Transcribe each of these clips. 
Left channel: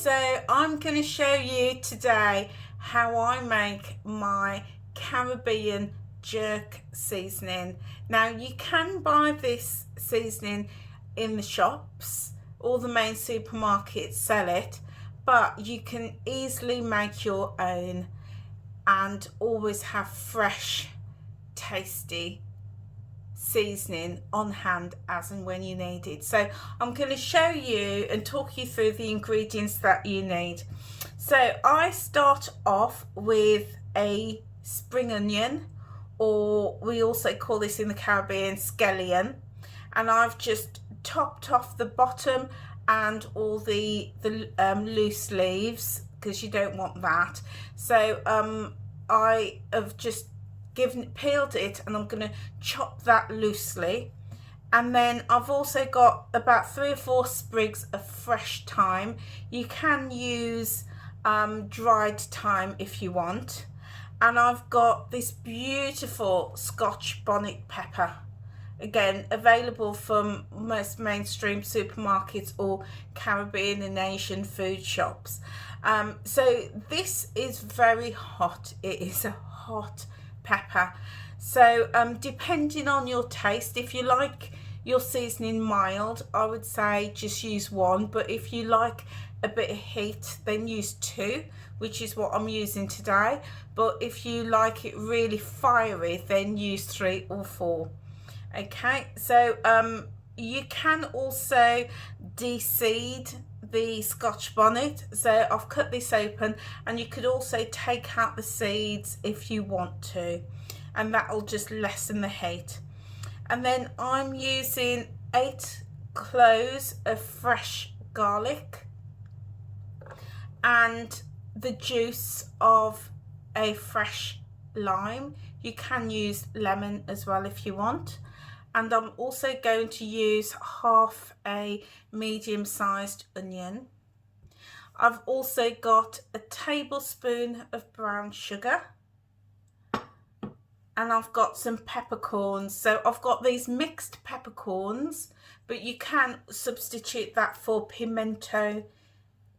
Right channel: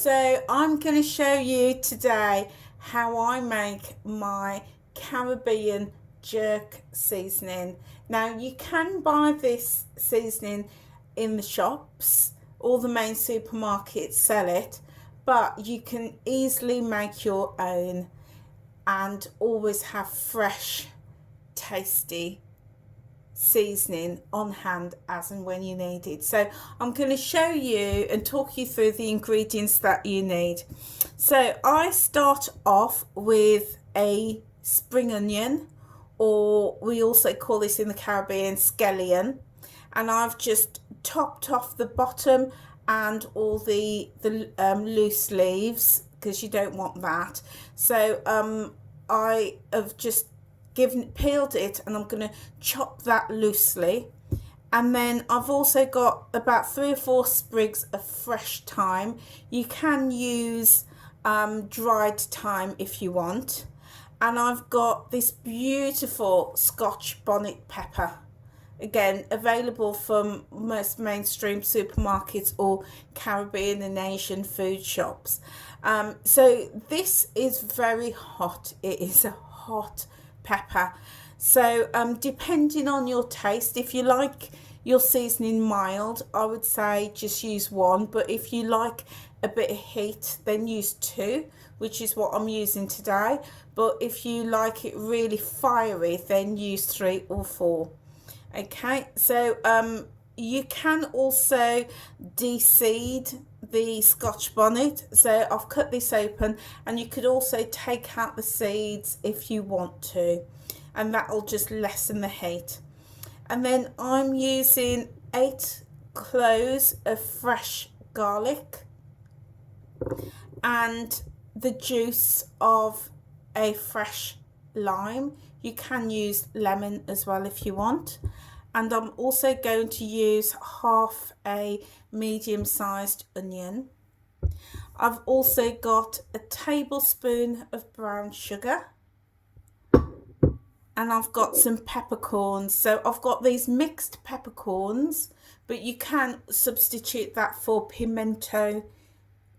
So I'm going to show you today how I make my Caribbean jerk seasoning. Now you can buy this seasoning in the shops, all the main supermarkets sell it, but you can easily make your own and always have fresh, tasty seasoning on hand as and when you need it. So I'm going to show you and talk you through the ingredients that you need. So I start off with a spring onion, or we also call this in the Caribbean scallion, and I've just topped off the bottom and all the loose leaves because you don't want that. So I have just peeled it, and I'm going to chop that loosely. And then I've also got about 3 or 4 sprigs of fresh thyme. You can use dried thyme if you want. And I've got this beautiful Scotch bonnet pepper, again available from most mainstream supermarkets or Caribbean and Asian food shops. So this is very hot. It is a hot pepper. So depending on your taste, if you like your seasoning mild, I would say just use 1, but if you like a bit of heat, then use 2, which is what I'm using today. But if you like it really fiery, then use 3 or 4. Okay, so you can also de-seed the Scotch bonnet. So I've cut this open, and you could also take out the seeds if you want to, and that'll just lessen the heat. And then I'm using 8 cloves of fresh garlic and the juice of a fresh lime. You can use lemon as well if you want. And I'm also going to use half a medium-sized onion. I've also got a tablespoon of brown sugar, and I've got some peppercorns. So I've got these mixed peppercorns, but you can substitute that for pimento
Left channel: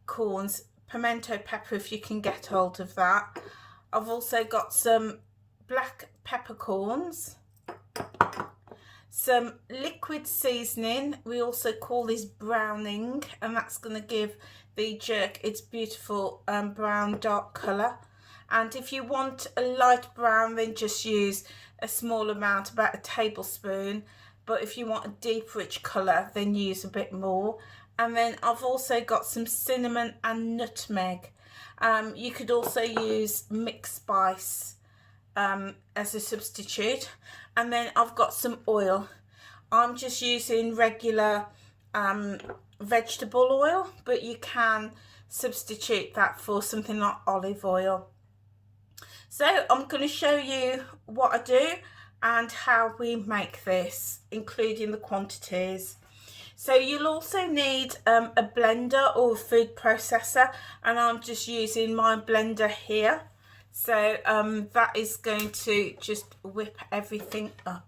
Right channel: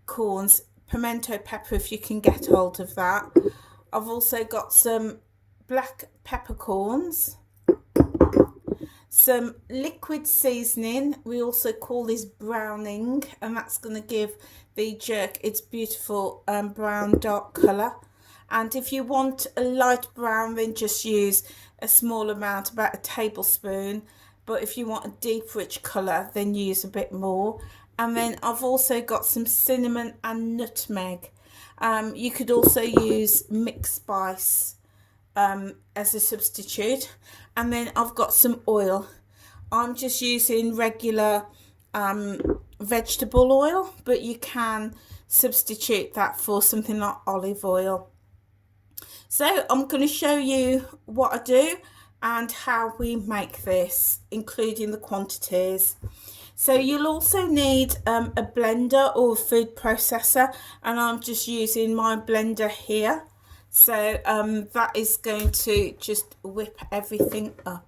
pepper if you can get hold of that. I've also got some black peppercorns, some liquid seasoning. We also call this browning, and that's going to give the jerk its beautiful brown dark colour. And if you want a light brown, then just use a small amount, about a tablespoon. But if you want a deep rich colour, then use a bit more. And then I've also got some cinnamon and nutmeg. You could also use mixed spice as a substitute. And then I've got some oil. I'm just using regular vegetable oil, but you can substitute that for something like olive oil. So I'm going to show you what I do and how we make this, including the quantities. So you'll also need a blender or a food processor, and I'm just using my blender here. So that is going to just whip everything up.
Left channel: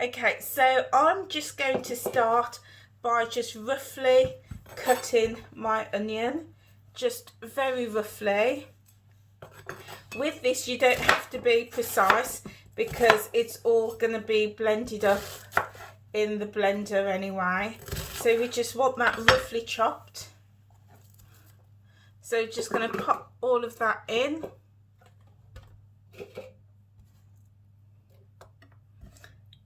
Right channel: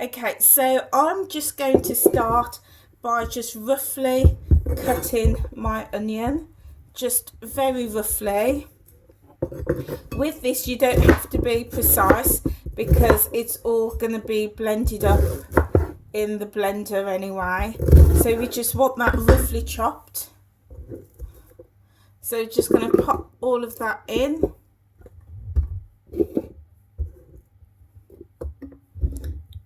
Okay, so I'm just going to start by just roughly cutting my onion, just very roughly. With this, you don't have to be precise because it's all going to be blended up in the blender anyway. So we just want that roughly chopped. So just going to pop all of that in.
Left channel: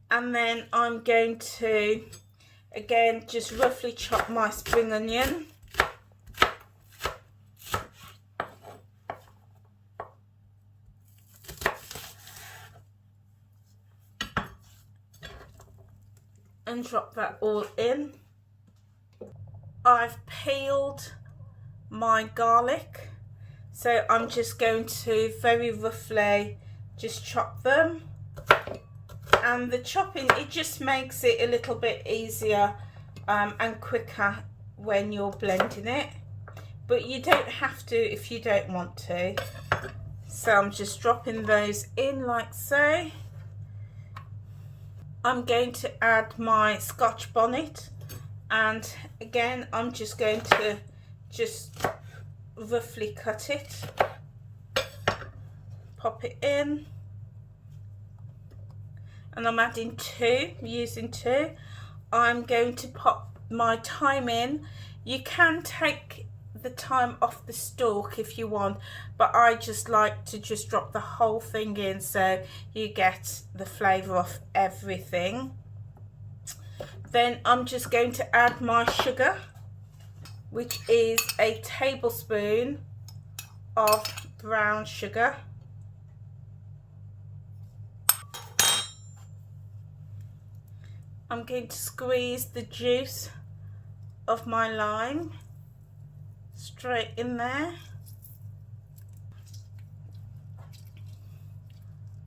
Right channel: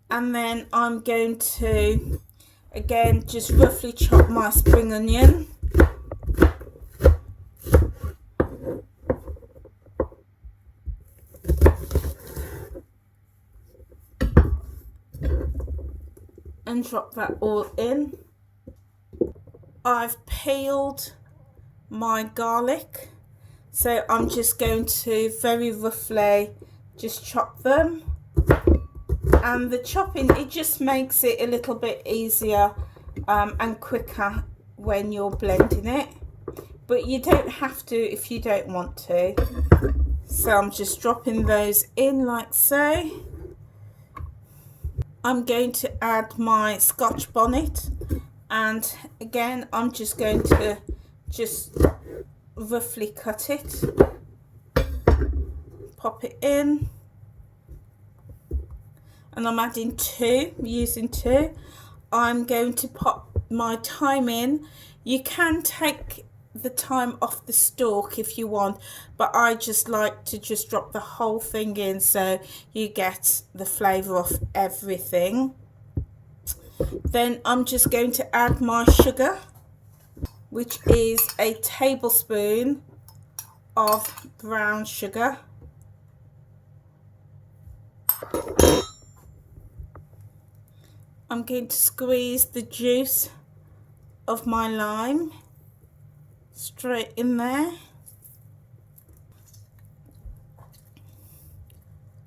And then I'm going to, again, just roughly chop my spring onion. And drop that all in. I've peeled my garlic, so I'm just going to very roughly just chop them. And the chopping, it just makes it a little bit easier and quicker when you're blending it, but you don't have to if you don't want to. So I'm just dropping those in like so. I'm going to add my Scotch bonnet, and again I'm just going to just roughly cut it, pop it in, and I'm adding using two. I'm going to pop my thyme in. You can take the thyme off the stalk if you want, but I just like to just drop the whole thing in so you get the flavour of everything. Then I'm just going to add my sugar, which is a tablespoon of brown sugar. I'm going to squeeze the juice of my lime straight in there.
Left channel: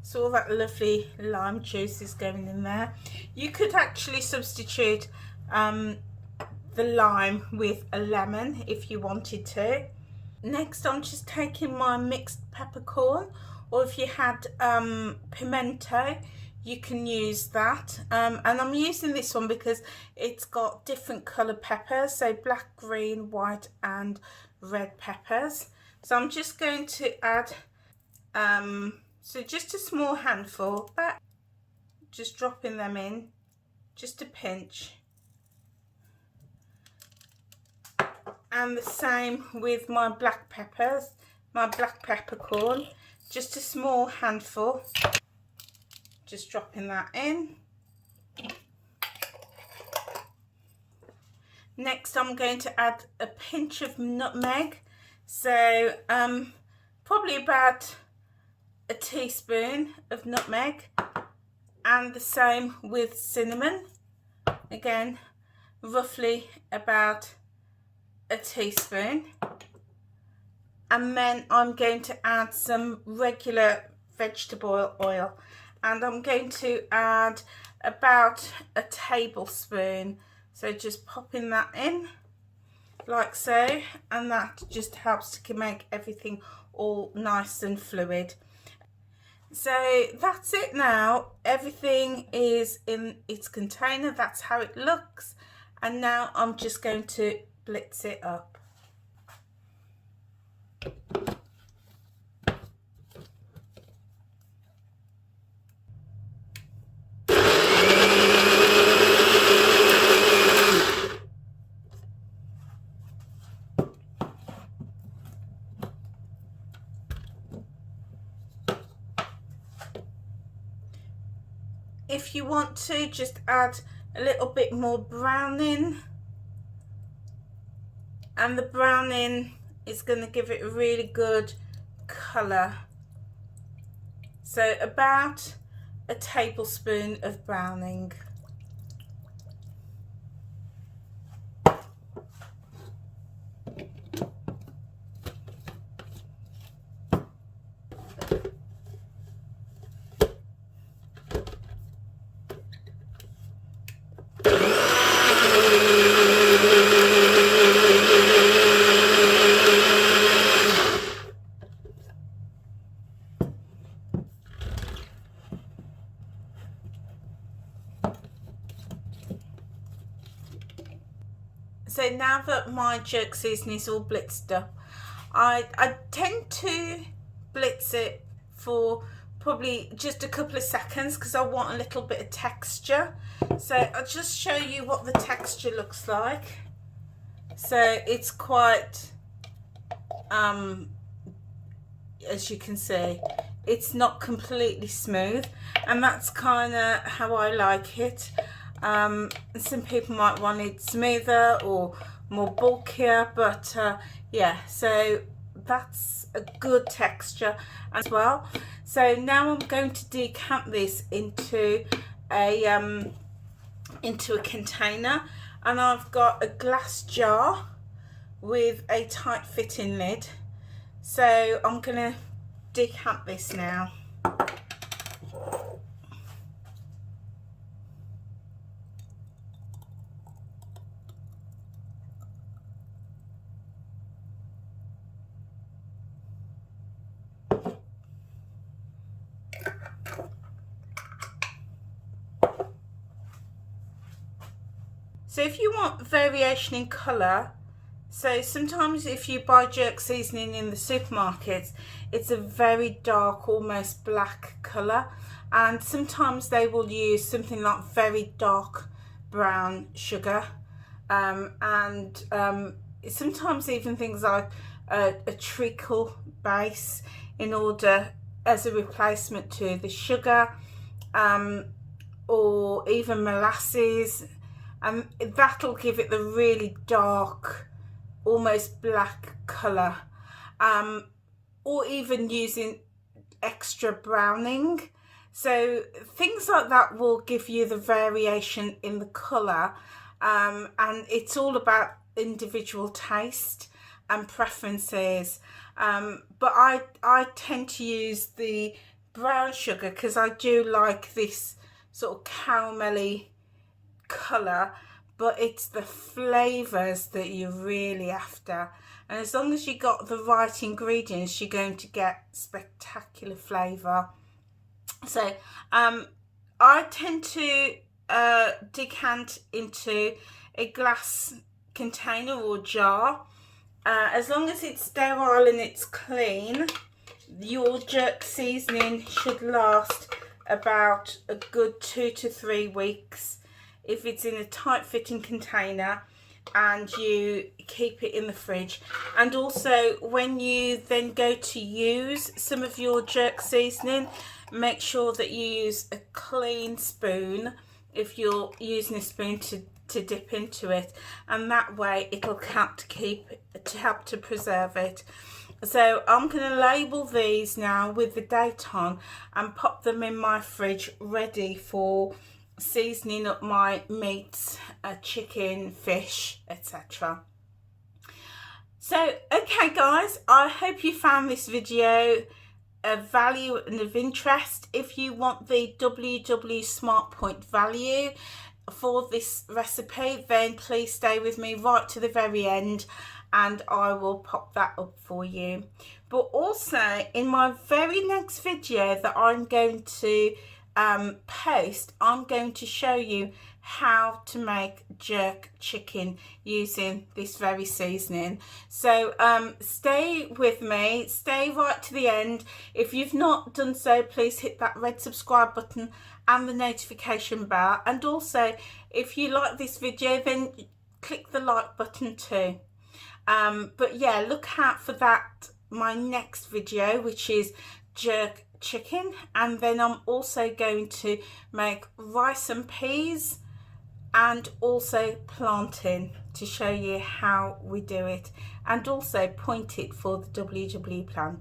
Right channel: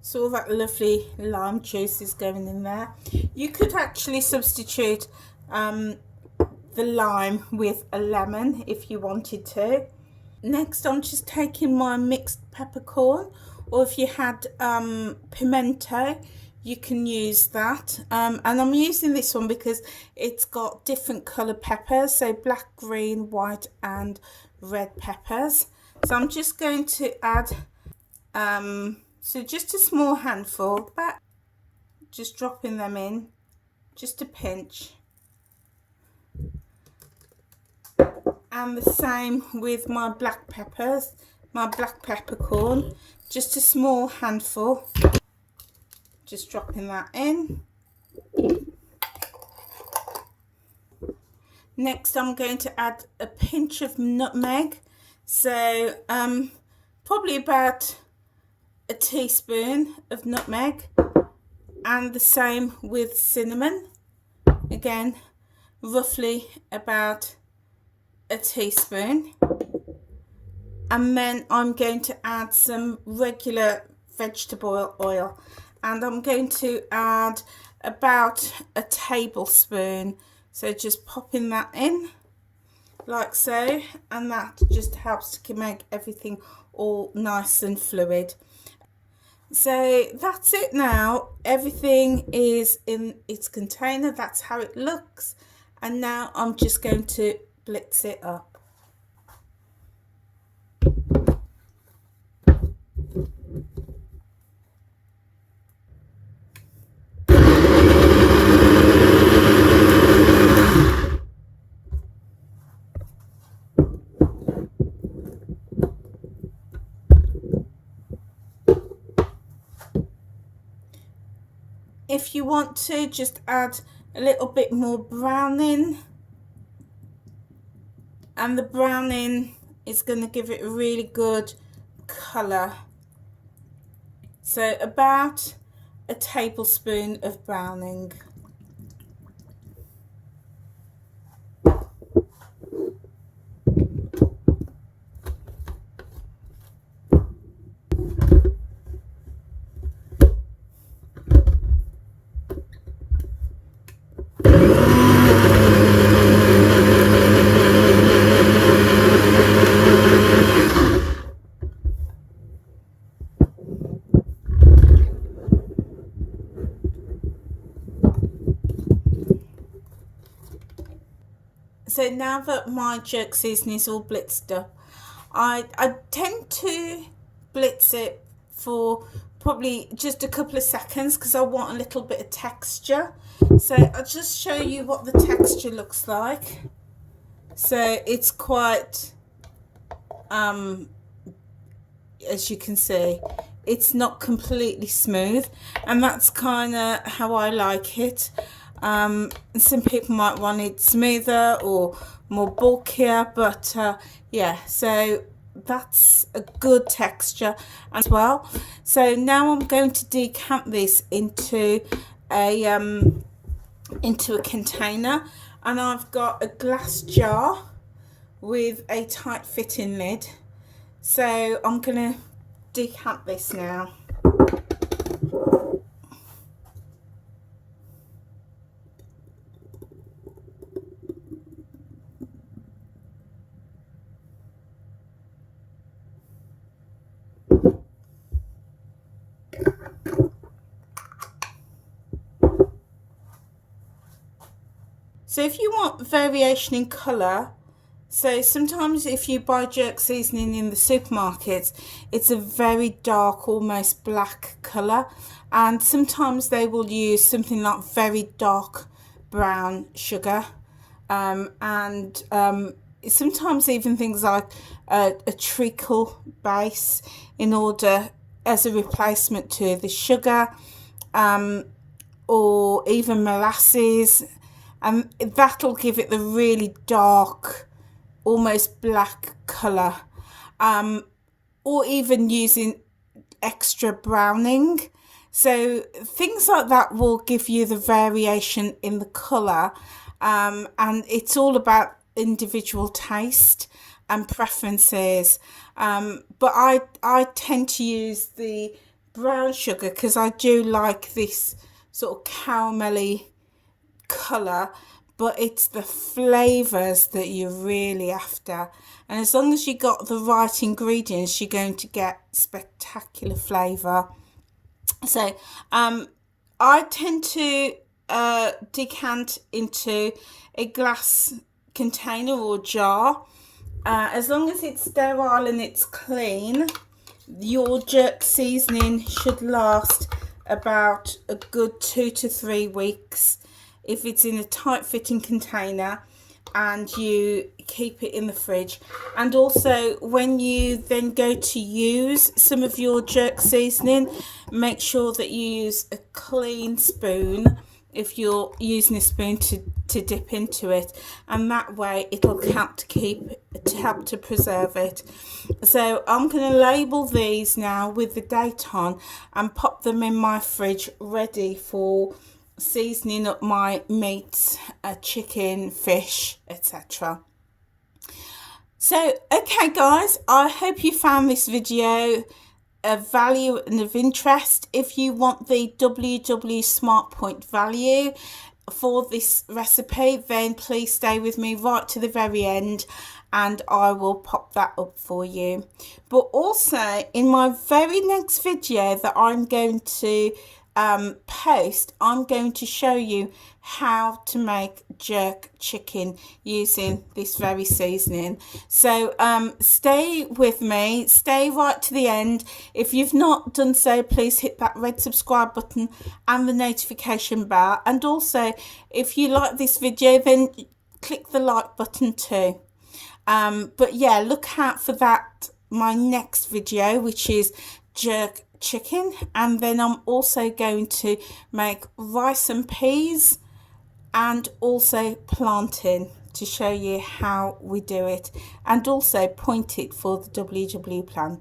So all that lovely lime juice is going in there. You could actually substitute the lime with a lemon if you wanted to. Next, I'm just taking my mixed peppercorn, or if you had pimento, you can use that. And I'm using this one because it's got different colour peppers, so black, green, white and red peppers. So I'm just going to add so just a small handful, but just dropping them in, just a pinch. And the same with my black peppers, my black peppercorn, just a small handful, just dropping that in. Next I'm going to add a pinch of nutmeg, so probably about a teaspoon of nutmeg, and the same with cinnamon, again roughly about a teaspoon. And then I'm going to add some regular vegetable oil, and I'm going to add about a tablespoon, so just popping that in like so, and that just helps to make everything all nice and fluid. So that's it now, everything is in its container, that's how it looks, and now I'm just going to blitz it up. If you want to, just add a little bit more browning, and the browning is going to give it a really good colour. So about a tablespoon of browning. So now that my jerk seasoning is all blitzed up, I tend to blitz it for probably just a couple of seconds because I want a little bit of texture. So I'll just show you what the texture looks like. So it's quite, as you can see, it's not completely smooth, and that's kind of how I like it. Some people might want it smoother or more bulkier, but yeah, so that's a good texture as well. So now I'm going to decant this into a container, and I've got a glass jar with a tight fitting lid. So I'm gonna decant this now. So if you want variation in colour, So sometimes if you buy jerk seasoning in the supermarkets, it's a very dark, almost black colour, and sometimes they will use something like very dark brown sugar, and sometimes even things like a treacle base in order as a replacement to the sugar, um, or even molasses, and that'll give it the really dark, almost black colour, or even using extra browning. So things like that will give you the variation in the colour, and it's all about individual taste and preferences. But I tend to use the brown sugar because I do like this sort of caramelly colour, but it's the flavours that you're really after. And as long as you got the right ingredients, you're going to get spectacular flavour. So I tend to decant into a glass container or jar. As long as it's sterile and it's clean, your jerk seasoning should last about a good 2 to 3 weeks if it's in a tight fitting container and you keep it in the fridge. And also when you then go to use some of your jerk seasoning, make sure that you use a clean spoon if you're using a spoon to dip into it, and that way it'll help to preserve it. So I'm going to label these now with the date on and pop them in my fridge ready for seasoning up my meats, chicken, fish, etc. So okay guys, I hope you found this video of value and of interest. If you want the WW Smart Point value for this recipe, then please stay with me right to the very end and I will pop that up for you. But also in my very next video that I'm going to post, I'm going to show you how to make jerk chicken using this very seasoning. So stay with me, stay right to the end. If you've not done so, please hit that red subscribe button and the notification bell, and also if you like this video then click the like button too. But yeah, look out for that, my next video, which is jerk chicken, and then I'm also going to make rice and peas and also plantain to show you how we do it, and also point it for the WW plan.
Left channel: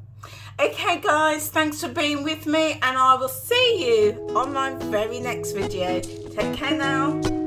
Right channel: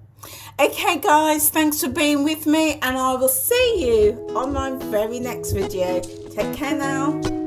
Okay guys, thanks for being with me and I will see you on my very next video. Take care now.